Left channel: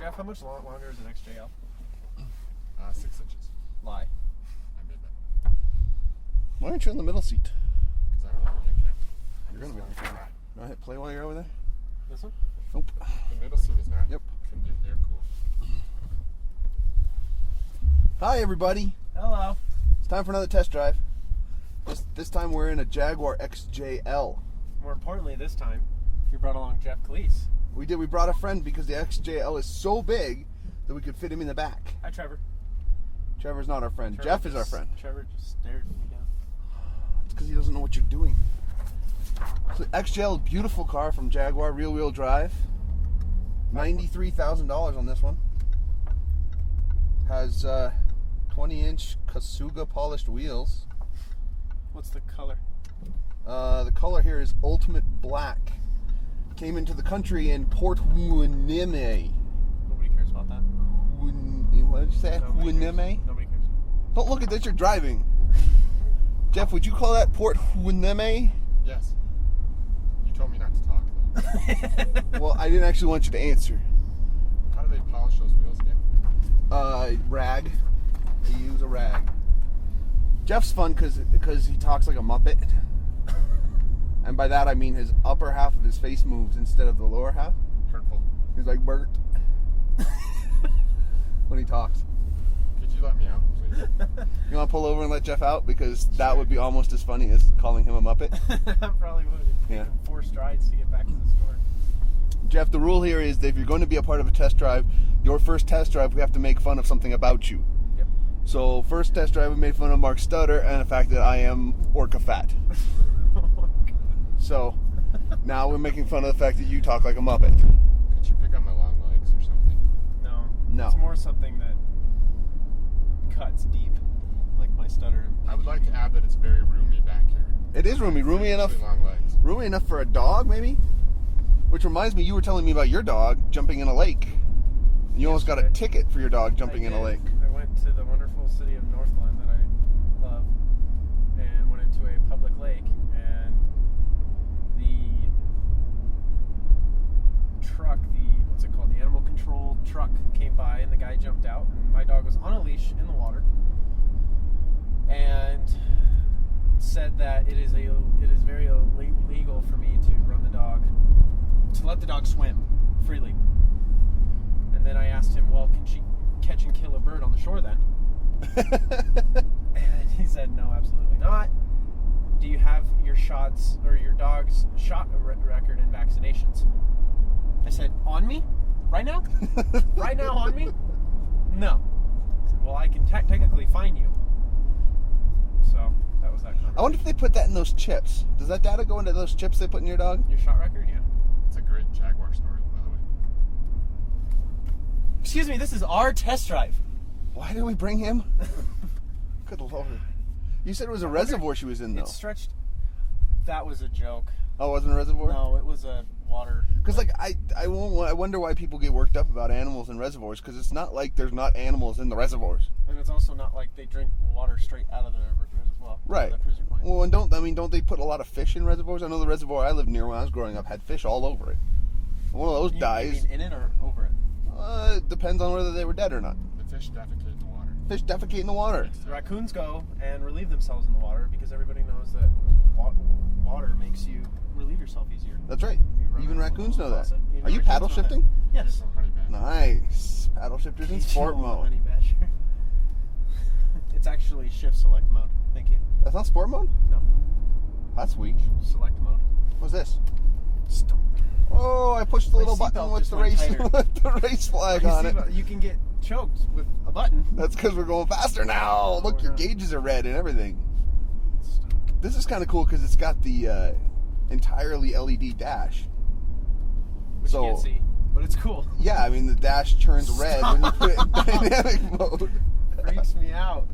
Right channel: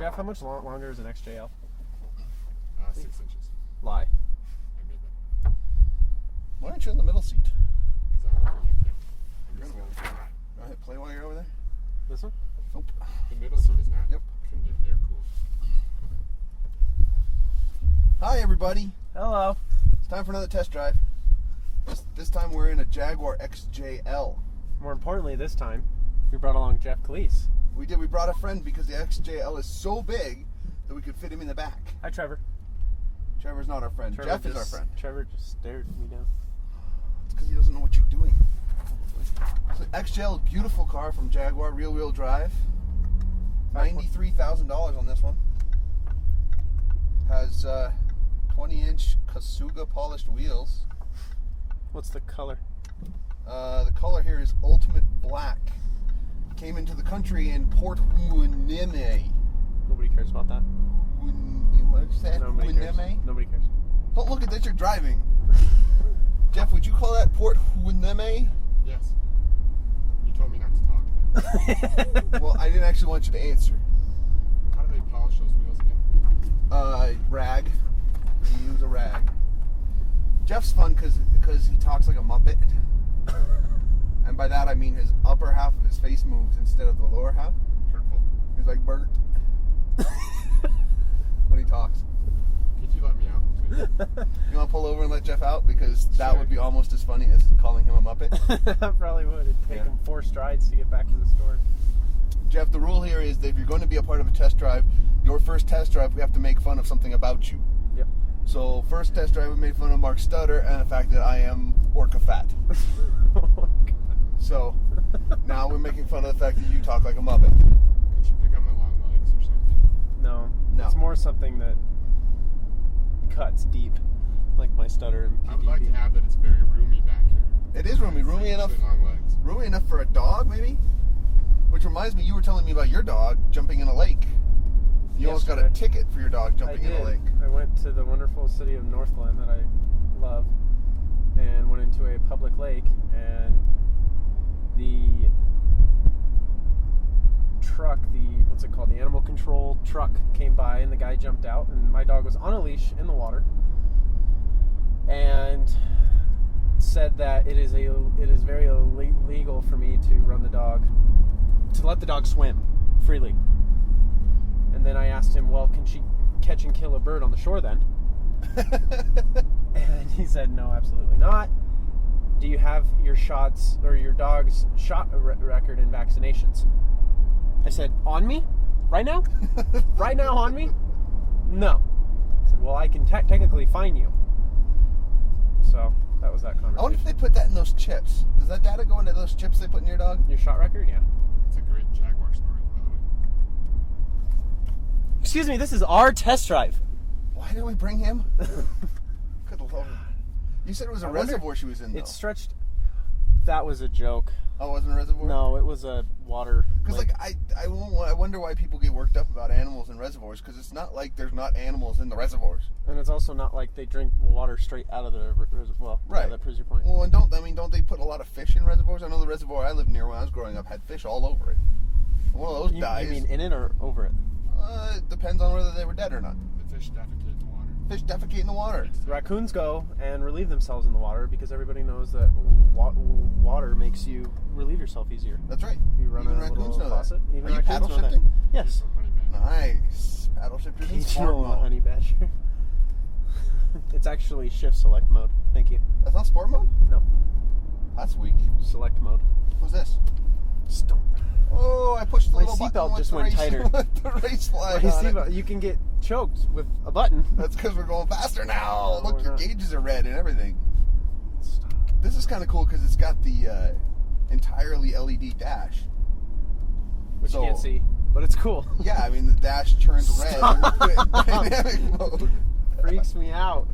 Jeff, how much longer is an XJL? 6 inches. Lie. I made that. Why aren't you in the middle seat? Because I'm not going You're gonna be okay. Go ahead, play while you're over there. This one? Nope. The middle seat is not. Yep. They're cool. Hi, everybody. Hello. It's time for another test drive. This time we're in a Jaguar XJL. More importantly, this time, we brought along Jeff Cleese. We did. We brought a friend because the XJL is so big that we could fit him in the back. Hi, Trevor. Trevor's not our friend. Jeff is our friend. Trevor just stared me down. It's because he doesn't know what you're doing. So XJL, beautiful car from Jaguar, rear-wheel drive. $93,000 on this one. Has 20-inch Kasuga polished wheels. What's the color? The color here is ultimate black. Came into the country in Port Hueneme. Nobody cares about that. What did you say? Nobody cares. Hueneme? Nobody cares. Don't look at that, you're driving. Jeff, would you call that Port Hueneme? Yes. You told me not to talk. Well, I didn't actually want you to answer. How do they polish those wheels again? Rag. They use a rag. Jeff's fun because he talks like a Muppet. And by that I mean his upper half of his face moves instead of the lower half. Hurtful. He's like Bert when he talks. Could you let me out, please? You want to pull over and let Jeff out? Because that would be almost as funny as calling him a Muppet. I probably would. It'd take Yeah. him 4 strides to get back to the store. Jeff, the rule here is that if you're going to be a part of a test drive, your first test drive, we have to make fun of something about you. Yep. So first test drive, we made fun of Mark Stutter and the fact that I am orca fat. Oh my God. So now we're making fun of the fact that you talk like a Muppet. Could you pick up my long legs or something? No. No. It's more something that cuts deep, like my stutter and I would like to add that it's very roomy back here. It is roomy. Roomy enough. Really long legs. Roomy enough for a dog, maybe? Which reminds me, you were telling me about your dog jumping in a lake. You almost got a Yesterday. ticket for your dog jumping in a did. lake. I went to the wonderful city of Northglenn that I love and went into a public lake, and the truck, what's it called? The animal control truck came by, and the guy jumped out, and my dog was on a leash in the water and said that it is very illegal for me to let the dog swim freely. And then I asked him, well, can she catch and kill a bird on the shore then? And he said, no, absolutely not. Do you have your shots or your dog's shot record and vaccinations? I said, on me? Right now? Right now on me? No. I said, well, I can technically fine you. So that was that conversation. I wonder if they put that in those chips. Does that data go into those chips they put in your dog? Your shot record? Yeah. It's a great Jaguar story, by the way. Excuse me, this is our test drive. Why did we bring him? Good Lord. You said it was a reservoir she was in, though. It stretched. That was a joke. Oh, it wasn't a reservoir? No, it was a water. Because, like, I wonder why people get worked up about animals in reservoirs, because it's not like there's not animals in the reservoirs. And it's also not like they drink water straight out of the reservoir. Right. That proves your point. Well, and don't they put a lot of fish in reservoirs? I know the reservoir I lived near when I was growing up had fish all over it. One of those dies. You mean in it or over it? It depends on whether they were dead or not. The fish defecate in the water. Fish defecate in the water. The raccoons go and relieve themselves in the water because everybody knows that water makes you relieve yourself easier. That's right. You run Even a raccoons little know that. faucet. Even Are you raccoons paddle know that. shifting? Yes. Honey badger. Nice. Paddle shifters in Keep sport you, mode. Honey Badger. It's actually shift select mode. Thank you. That's not sport mode? No. That's weak. Select mode. What's this? Stomp. Oh, I pushed the My little button seatbelt with just the went race, tighter. with the race flag on it. You can get choked with a button. That's because we're going faster now. Look, we're your not. gauges are red and everything. Stop. This is kind of cool because it's got the entirely LED dash. Which So- you can't see, but it's cool. Yeah, I mean the dash turns red when you put it in dynamic mode. Freaks me out.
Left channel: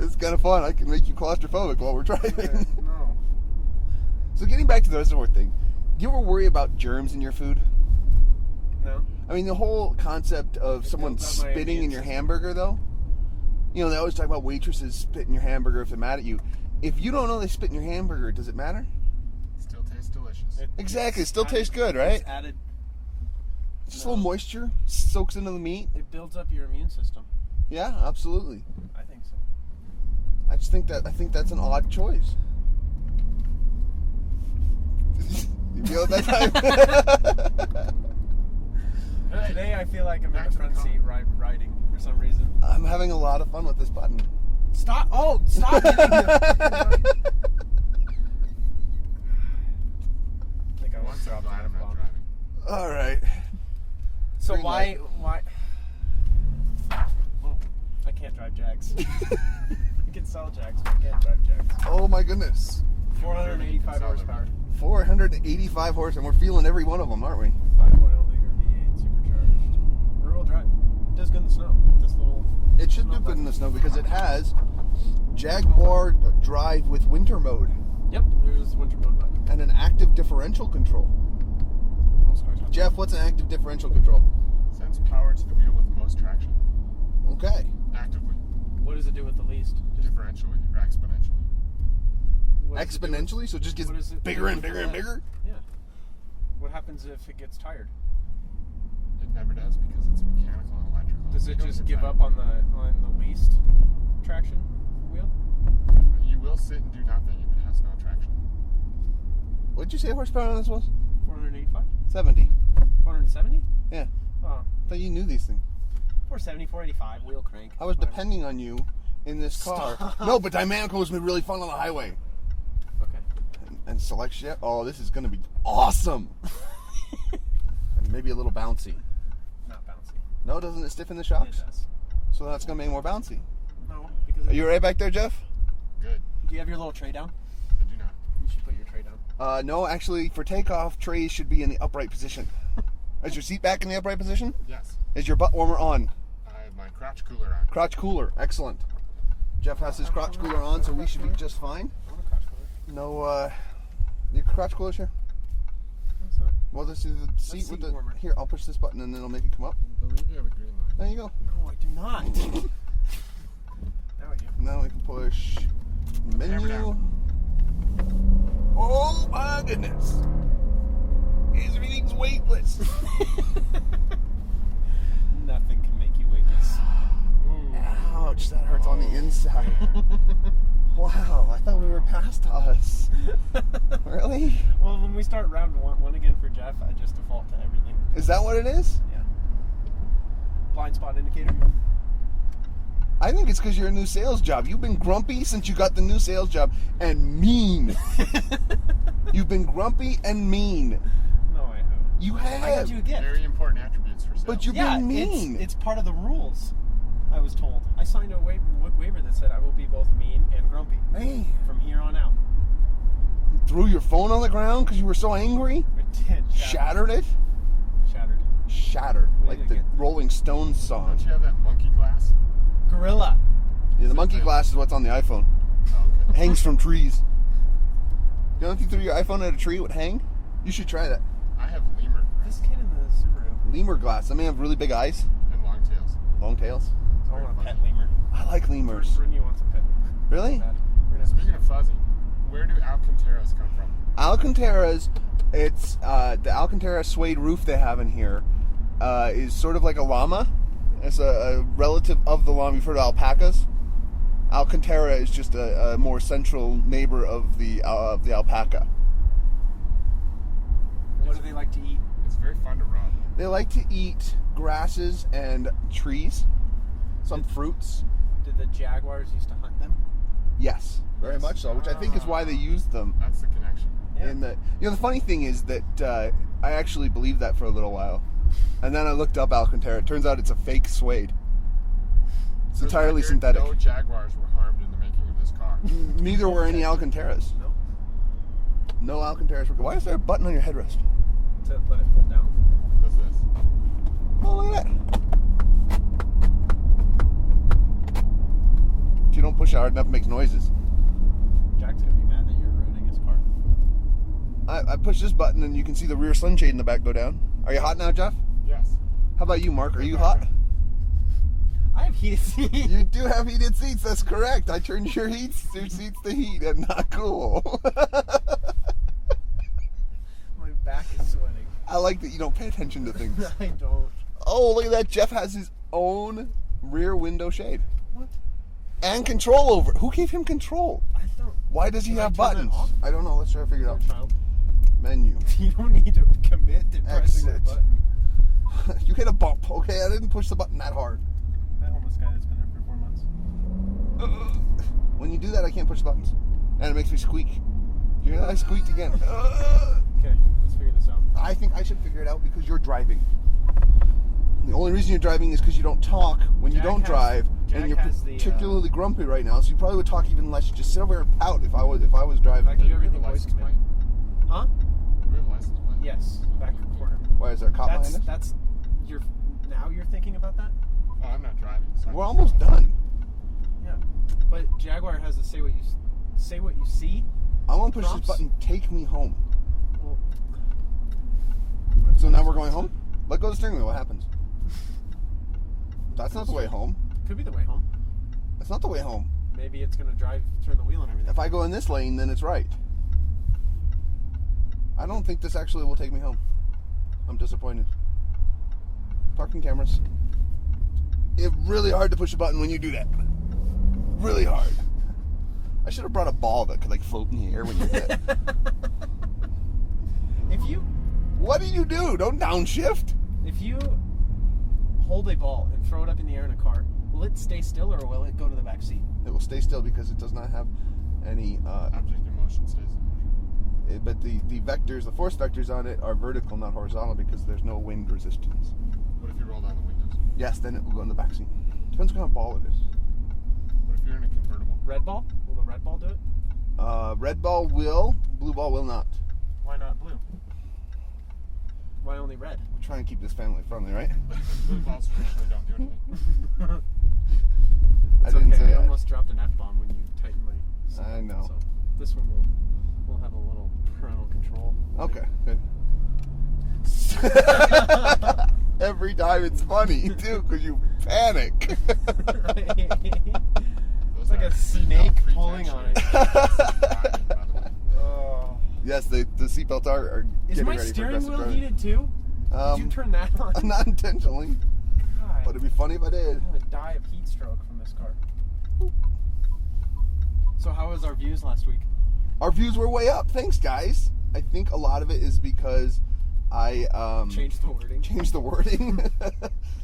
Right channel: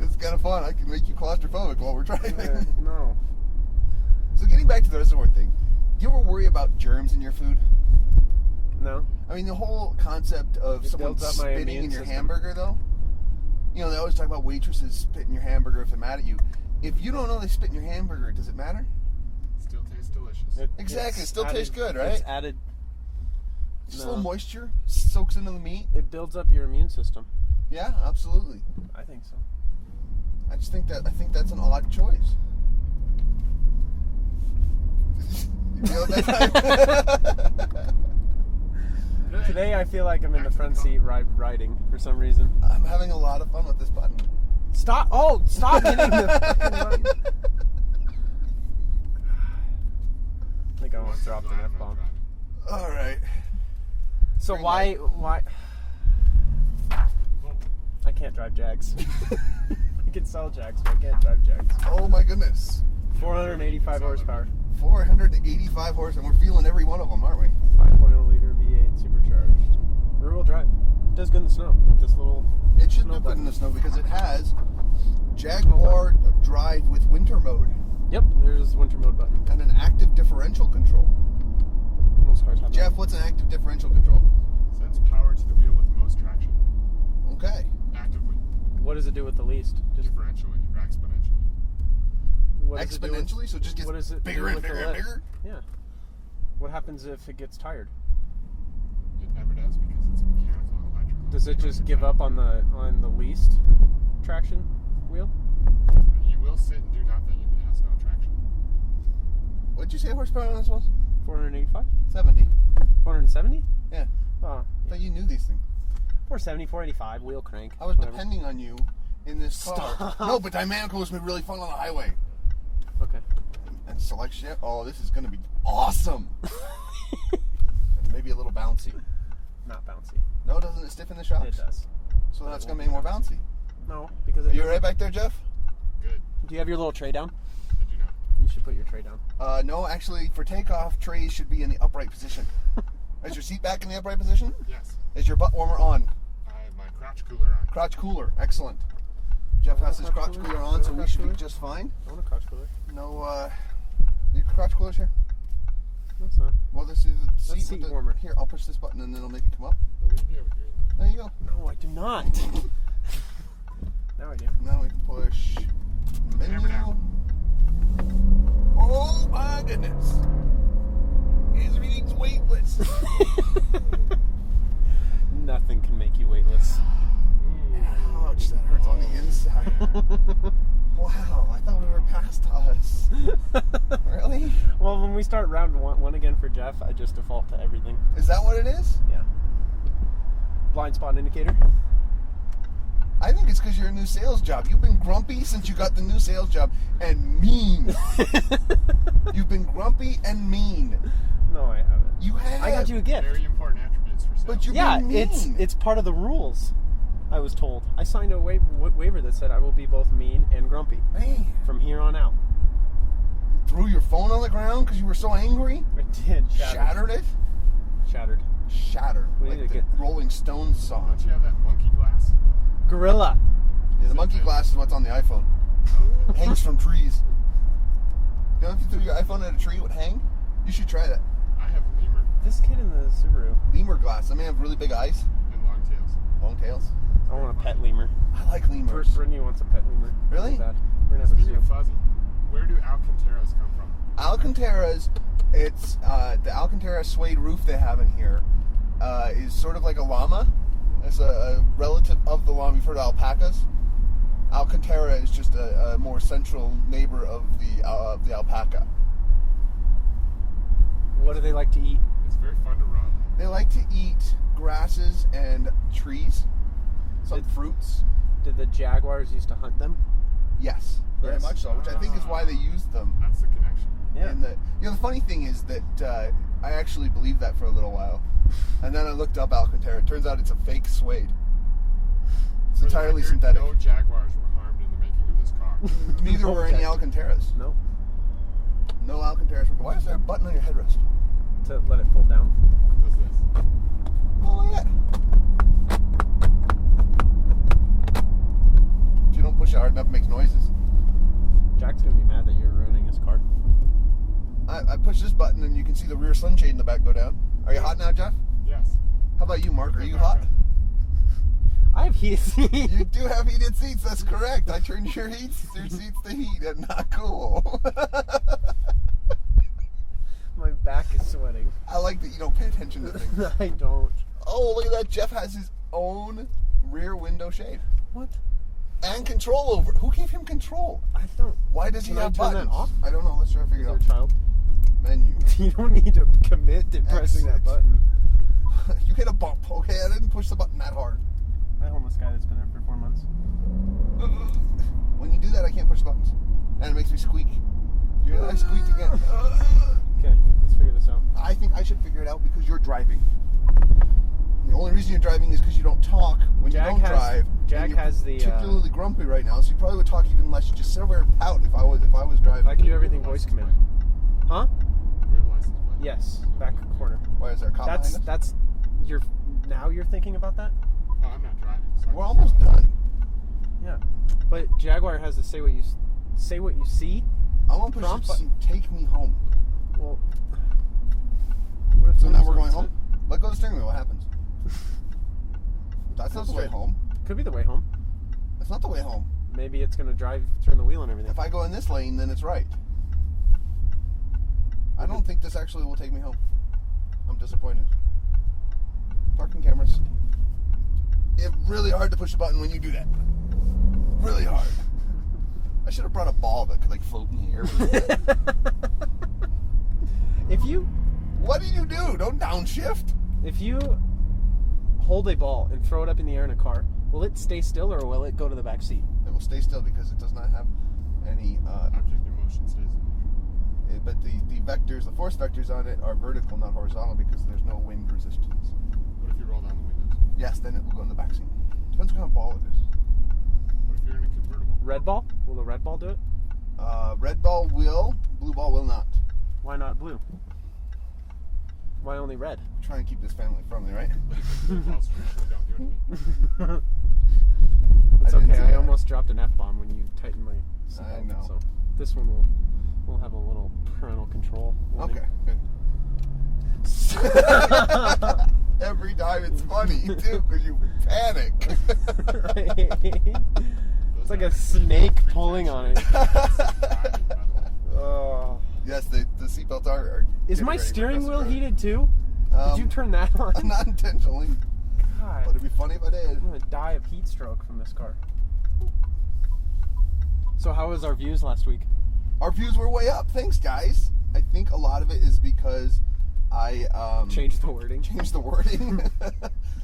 It's kind of fun. I can make you claustrophobic while we're driving. No. So getting back to the reservoir thing, do you ever worry about germs in your food? No. I mean, the whole concept of someone builds up my spitting immune in your system. hamburger, though. You know, they always talk about waitresses spitting your hamburger if they're mad at you. If you don't know they spit in your hamburger, does it matter? Still tastes delicious. Exactly, it It's still tastes good, right? It's added Just a little moisture soaks into the meat. It builds up your immune system. Yeah, absolutely. I think so. I think that's an odd choice. You feel it that time? Today I feel like I'm in the front seat riding for some reason. I'm having a lot of fun with this button. Stop! Oh, stop hitting the button. I think I want to drop the F-bomb. All right. So Green why? light. I can't drive Jags. I can sell Jags, but I can't drive Jags. Oh my goodness. 485 horsepower. 485 horse, and we're feeling every one of them, aren't we? 5.0 liter V8 supercharged. Rear-wheel drive. It does good in the snow with this little. It should do good in the snow because it has Jaguar drive with winter mode. Yep, there's the winter mode button. And an active differential control. Most cars have Jeff, what's an active differential control? Sends power to the wheel with most traction. Okay. Actively. What does it do with the least? Differentially or exponentially. What does it do with- Exponentially, so it just gets what does it bigger do and with the bigger and lift? bigger? Yeah. What happens if it gets tired? It never does because it's mechanical and electrical. Does You it don't just get give tired. up on the least traction wheel? You will sit and do nothing if it has no traction. What did you say horsepower on this was? 485? 70. 470? Yeah. Oh, I thought you knew these things. 470, 485, wheel crank. I was whatever. depending on you in this car. Stop. No, but dynamical was gonna be really fun on the highway. Okay. And select shift. Oh, this is gonna be awesome. And maybe a little bouncy. Not bouncy. No, doesn't it stiffen the shocks? It does. So that's gonna make more bouncy. No, because Are you right back there, Jeff? Good. Do you have your little tray down? Did you not? You should put your tray down. No, actually, for takeoff, trays should be in the upright position. Is your seat back in the upright position? Yes. Is your butt warmer on? I have my crotch cooler on. Crotch cooler, excellent. Jeff has his crotch cooler on, so we should be just fine. I want a crotch cooler. No, your crotch cooler's here? No, it's not. Well, this is the seat seat with the... warmer. Here, I'll push this button and then it'll make it come up. I believe you have a green light. There you go. No, I do not. Now I do. Now we can push Hammer menu. down. Oh my goodness. Everything's weightless. Nothing can make you weightless. Ouch, that hurts on the inside. Wow, I thought we were past us. Really? Well, when we start round one again for Jeff, I just default to everything. Is that what it is? Yeah. Blind spot indicator. I think it's because you're a new sales job. You've been grumpy since you got the new sales job and mean. You've been grumpy and mean. No, I haven't. You have. I got you a gift. Very important attributes for sales. But you're Yeah, being mean. it's part of the rules. I was told. I signed a waiver that said I will be both mean and grumpy Man. from here on out. You threw your phone on the ground because you were so angry? I did. Shattered it? Shattered. Shattered. We Like need the to get- Rolling Stones song. Don't you have that monkey glass? Gorilla. Yeah, the monkey glass is what's on the iPhone. Oh, It hangs from trees. You know if you threw your iPhone at a tree, it would hang? You should try that. I have lemur This kid in the Subaru. Lemur glass. That may have really big eyes. and long tails. Long tails. I want a pet lemur. I like lemurs. Brittany wants a pet lemur. Really? Bad. We're gonna have a Speaking zoo. of fuzzy, where do Alcantaras come from? Alcantaras, it's the Alcantara suede roof they have in here is sort of like a llama. It's a relative of the llama. You've heard of alpacas. Alcantara is just a more central neighbor of the alpaca. What do they like to eat? It's very fun to run. They like to eat grasses and trees, some fruits. Did the Jaguars used to hunt them? Yes, very Yes. much so. Which I think is why they used them. That's the connection. And the funny thing is that I actually believed that for a little while, and then I looked up Alcantara. It turns out it's a fake suede. It's For the entirely record, synthetic. No Jaguars were harmed in the making of this car. Neither were any Okay. Alcantaras. No. No Alcantaras. Why is there a button on your headrest? To let it fold down. Does this? Oh, look at that. If you don't push it hard enough, it makes noises. Jack's gonna be mad that you're ruining his car. I push this button and you can see the rear sunshade in the back go down. Are you hot now, Jeff? Yes. How about you, Mark? Are you hot? I have heated seats. You do have heated seats. That's correct. I turned your seats to heat and not cool. My back back is sweating. I like that you don't pay attention to things. I don't. Oh, look at that. Jeff has his own rear window shade. What? And control over it. Who gave him control? I don't. Why does he Can I have turn that buttons? off? I don't know. Let's try to figure it out. Child. Menu. You don't need to commit to pressing that Exit. button. You hit a bump. Okay, I didn't push the button that hard. I homeless guy that's been there for 4 months. When you do that, I can't push the buttons. And it makes me squeak. You hear that? I squeaked again. Okay, let's figure this out. I think I should figure it out because you're driving. The only reason you're driving is because you don't talk when you don't drive. Jag and you're has the, particularly grumpy right now, so you probably would talk even less. You just sit over here and pout if I was driving. I can do everything voice command. Huh? We have a license plate. Yes, back corner. Why is there a cop behind us? That's now you're thinking about that? Oh, I'm not driving. So We're almost done. Yeah. But Jaguar has to say what you see. I'm gonna push Prompts? this button. Take me home. Well, So now we're going home. Let go of the steering wheel. What happens? That's not the way home. Could be the way home. That's not the way home. Maybe it's gonna turn the wheel and everything. If I go in this lane, then it's right. I don't think this actually will take me home. I'm disappointed. Parking cameras. It's really hard to push a button when you do that. Really hard. I should have brought a ball that could like float in the air when you did that. If you What do you do? Don't downshift. hold a ball and throw it up in the air in a car, will it stay still or will it go to the back seat? It will stay still because it does not have any. object in motion stays in motion. But the vectors, the force vectors on it are vertical, not horizontal, because there's no wind resistance. What if you roll down the windows? Yes, then it will go in the back seat. Depends what kind of ball it is. What if you're in a convertible? Red ball? Will the red ball do it? Red ball will, blue ball will not. Why not blue? Why only red? I'm trying to keep this family friendly, right? Blue balls traditionally don't do anything. It's I didn't okay. say I that. almost dropped an F-bomb when you tightened my seatbelt. I know. So this one will have a little parental control. warning. Okay, good. Every time it's funny, too, because you panic. It's like a snake pulling on it. Oh. Yes, the seatbelts are Is getting my ready for steering wheel aggressive heated too? Did you turn that on? driving. Not intentionally, God, but it'd be funny if I did. I'm gonna die of heat stroke from this car. So how was our views last week? Our views were way up. Thanks, guys. I think a lot of it is because I Change the wording. changed the wording.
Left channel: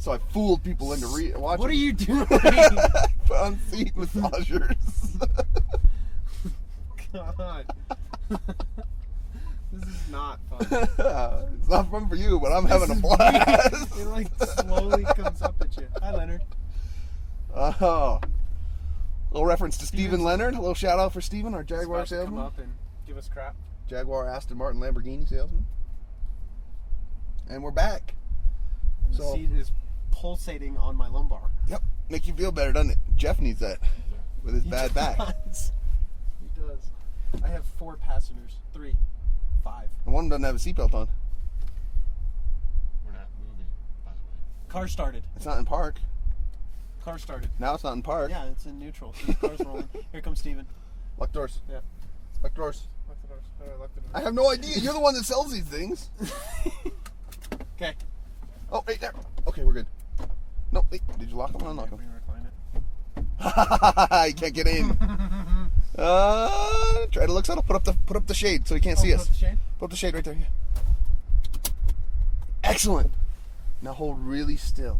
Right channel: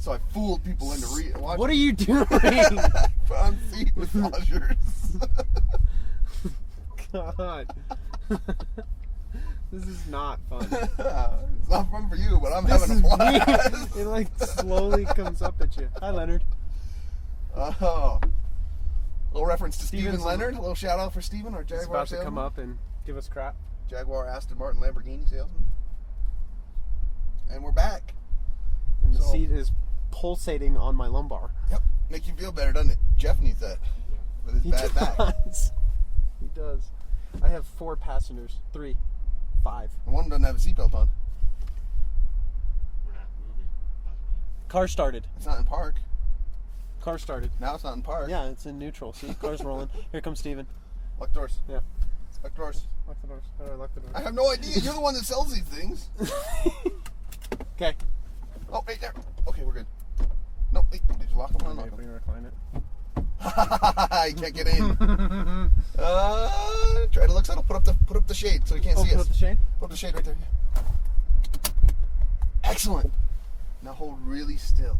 So I fooled people into watching. What are you doing? Put on seat massagers. God. This is not fun. It's not fun for you, but I'm This having a is blast. weird. It like slowly comes up at you. Hi, Leonard. Oh. A little reference to Steven Steven's- Leonard. A little shout out for Steven, our He's Jaguar about to salesman. come up and give us crap. Jaguar Aston Martin Lamborghini salesman. And we're back. And the So- seat is pulsating on my lumbar. Yep. Make you feel better, doesn't it? Jeff needs that with his He bad back. does. He does. I have 4 passengers. 3. 5. And one doesn't have a seatbelt on. We're not moving, by the way. Car started. It's not in park. Car started. Now it's not in park. Yeah, it's in neutral. See, car's rolling. Here comes Steven. Lock doors. Yeah. Lock doors. Lock the doors. How do I lock the doors? I have no idea. You're the one that sells these things. Okay. Oh, right there. Okay, we're good. No, wait. Did you lock them or unlock We them? recline it. You can't get in. Try to look subtle. Put up the shade so he can't see put us. up the shade? Put up the shade right there. Yeah. Excellent. Now hold really still.